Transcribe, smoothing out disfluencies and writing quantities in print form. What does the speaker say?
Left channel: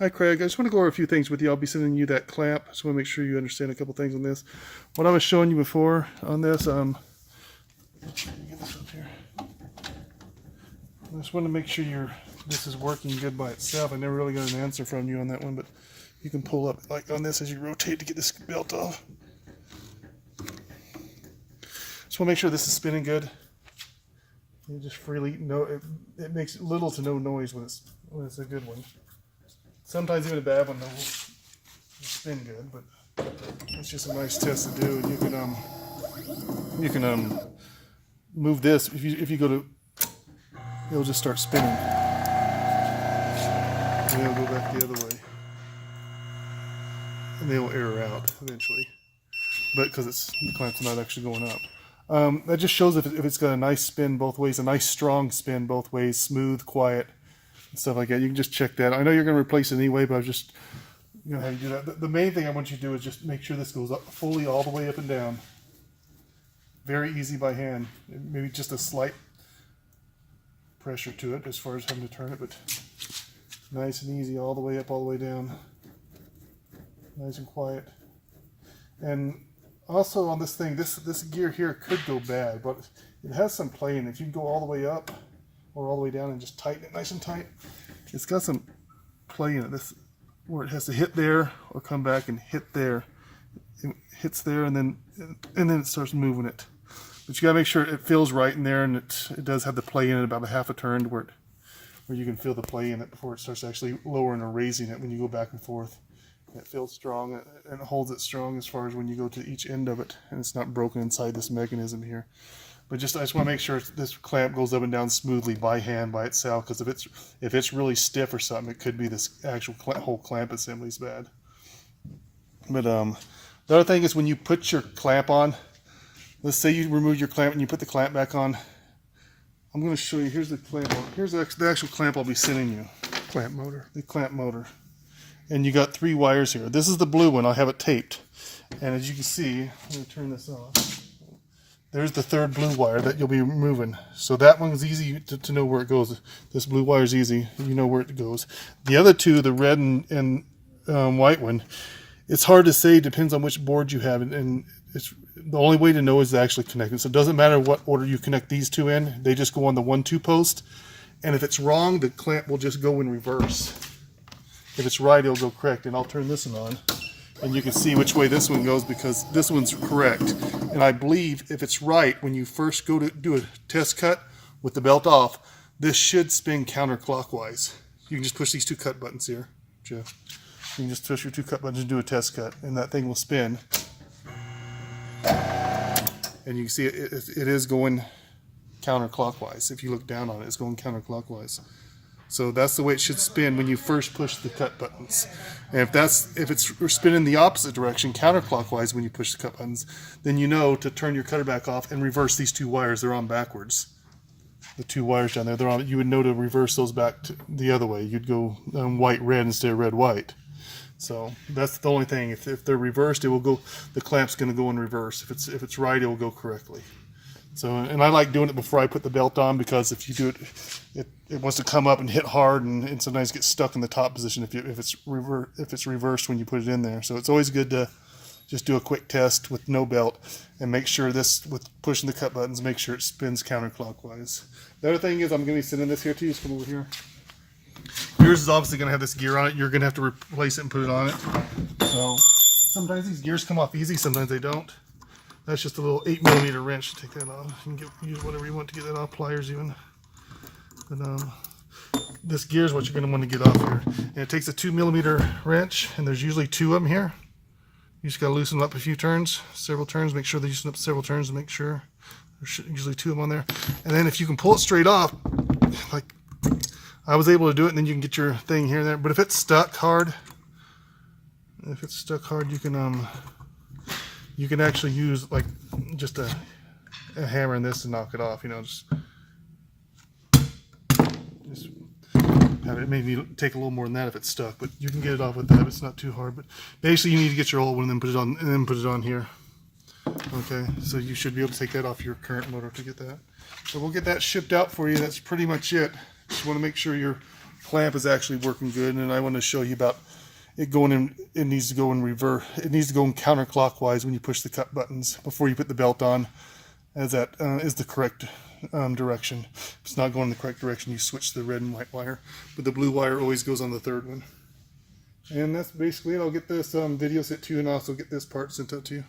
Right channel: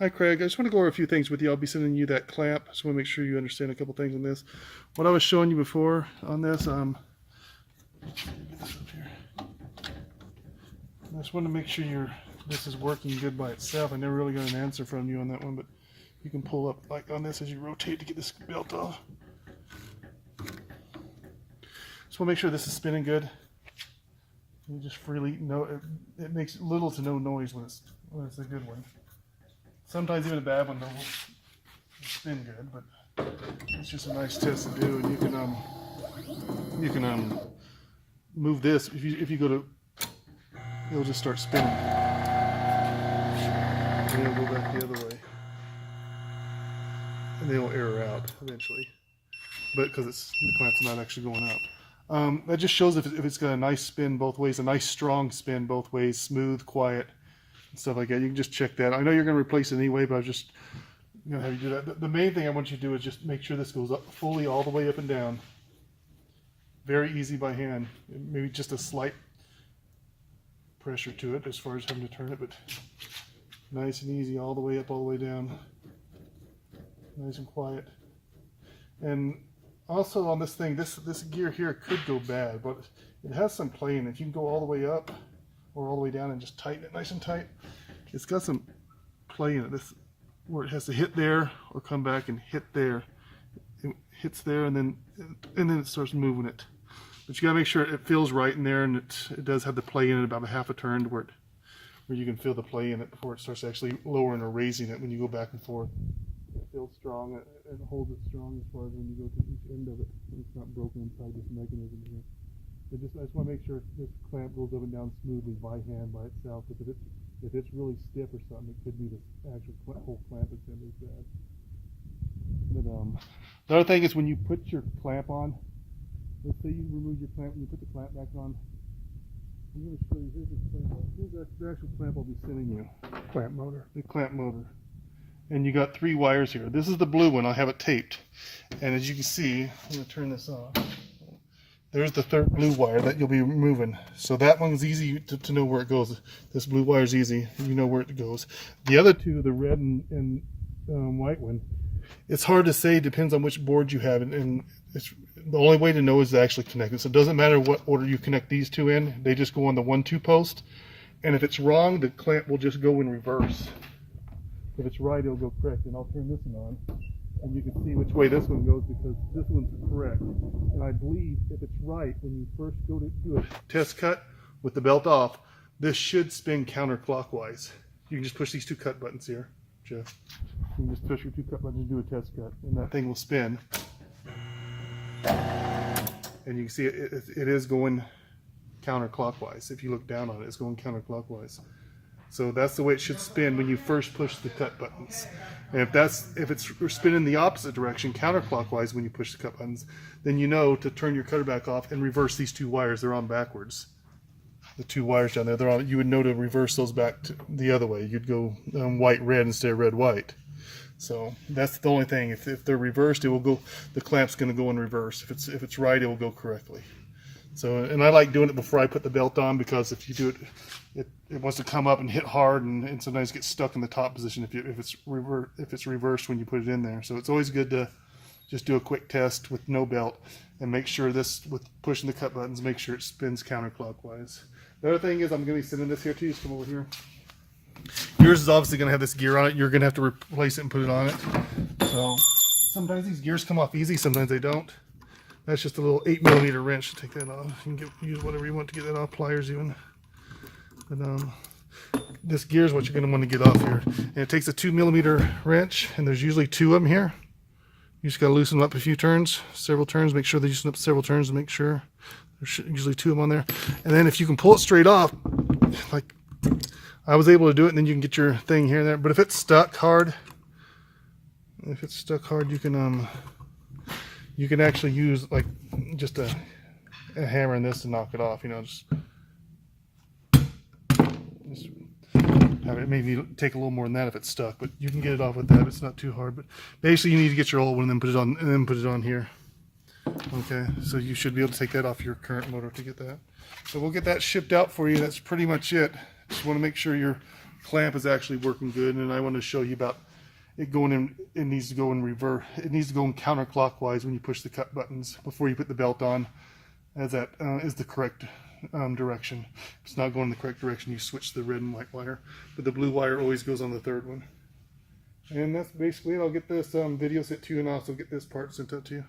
Hi Craig, I just want to go over a few things with you. I'll be sending you that clamp. I just want to make sure you understand a couple things on this. What I was showing you before on this, get this up here. I just want to make sure this is working good by itself. I never really got an answer from you on that one, but you can pull up like on this as you rotate to get this belt off. Just want to make sure this is spinning good. You just freely it makes little to no noise when it's a good one. Sometimes even a bad one will spin good, but it's just a nice test to do. And you can move this if you go to, it'll just start spinning. And then it'll go back the other way, and then it'll air out eventually. But because the clamp's not actually going up. That just shows if it's got a nice spin both ways, a nice strong spin both ways, smooth, quiet, and stuff like that. You can just check that. I know you're going to replace it anyway, but I was just going to have you do that. The main thing I want you to do is just make sure this goes up fully all the way up and down. Very easy by hand. Maybe just a slight pressure to it as far as having to turn it, but nice and easy all the way up, all the way down. Nice and quiet. And also on this thing, this gear here could go bad, but it has some play in it. If you can go all the way up or all the way down and just tighten it nice and tight, it's got some play in it. This where it has to hit there or come back and hit there. It hits there and then it starts moving it. But you gotta make sure it feels right in there, and it does have the play in it about a half a turn where you can feel the play in it before it starts actually lowering or raising it when you go back and forth. It feels strong and it holds it strong as far as when you go to each end of it, and it's not broken inside this mechanism here. But I just want to make sure this clamp goes up and down smoothly by hand by itself, because if it's really stiff or something, it could be this actual whole clamp assembly is bad. But the other thing is when you put your clamp on, let's say you remove your clamp and you put the clamp back on. I'm going to show you. Here's the clamp. Here's the actual clamp I'll be sending you. Clamp motor. The clamp motor. And you got 3 wires here. This is the blue one. I'll have it taped. And as you can see, I'm going to turn this off. There's the 3rd blue wire that you'll be removing. So that one is easy to know where it goes. This blue wire is easy. You know where it goes. The other 2, the red and white one, it's hard to say. Depends on which board you have. And it's the only way to know is to actually connect it. So it doesn't matter what order you connect these 2 in. They just go on the 1-2 post. And if it's wrong, the clamp will just go in reverse. If it's right, it'll go correct. And I'll turn this one on, and you can see which way this one goes, because this one's correct. And I believe if it's right, when you first go to do a test cut with the belt off, this should spin counterclockwise. You can just push these 2 cut buttons here, Jeff. You can just push your 2 cut buttons and do a test cut, and that thing will spin. And you can see it is going counterclockwise. If you look down on it, it's going counterclockwise. So that's the way it should spin when you first push the cut buttons. And if it's spinning the opposite direction, counterclockwise, when you push the cut buttons, then you know to turn your cutter back off and reverse these 2 wires. They're on backwards. The 2 wires down there, they're on. You would know to reverse those back to the other way. You'd go white red instead of red white. So that's the only thing. If they're reversed, it will go. The clamp's going to go in reverse. If it's right, it will go correctly. So, and I like doing it before I put the belt on, because if you do it, it wants to come up and hit hard, and sometimes get stuck in the top position if it's reversed when you put it in there. So it's always good to just do a quick test with no belt and make sure this, with pushing the cut buttons, make sure it spins counterclockwise. The other thing is, I'm going to be sending this here to you. Just come over here. Yours is obviously going to have this gear on it. You're going to have to replace it and put it on it. So sometimes these gears come off easy, sometimes they don't. That's just a little 8mm wrench to take that off. You can use whatever you want to get that off, pliers even. But this gear is what you're going to want to get off here. And it takes a 2mm wrench, and there's usually 2 of them here. You just got to loosen them up a few turns, several turns. Make sure they loosen up several turns to make sure. There's usually 2 of them on there. And then if you can pull it straight off, like I was able to do it, and then you can get your thing here and there. But if it's stuck hard, you can actually use like just a hammer in this to knock it off. You know, just have it maybe take a little more than that if it's stuck, but you can get it off with that. It's not too hard. But basically, you need to get your old one and then put it on here. Okay, so you should be able to take that off your current motor to get that. So we'll get that shipped out for you. That's pretty much it. Just want to make sure your clamp is actually working good, and I want to show you about it going in. It needs to go in reverse. It needs to go in counterclockwise when you push the cut buttons before you put the belt on, as that is the correct direction. If it's not going in the correct direction, you switch the red and white wire, but the blue wire always goes on the third one. And that's basically it. I'll get this video sent to you, and also get this part sent out to you.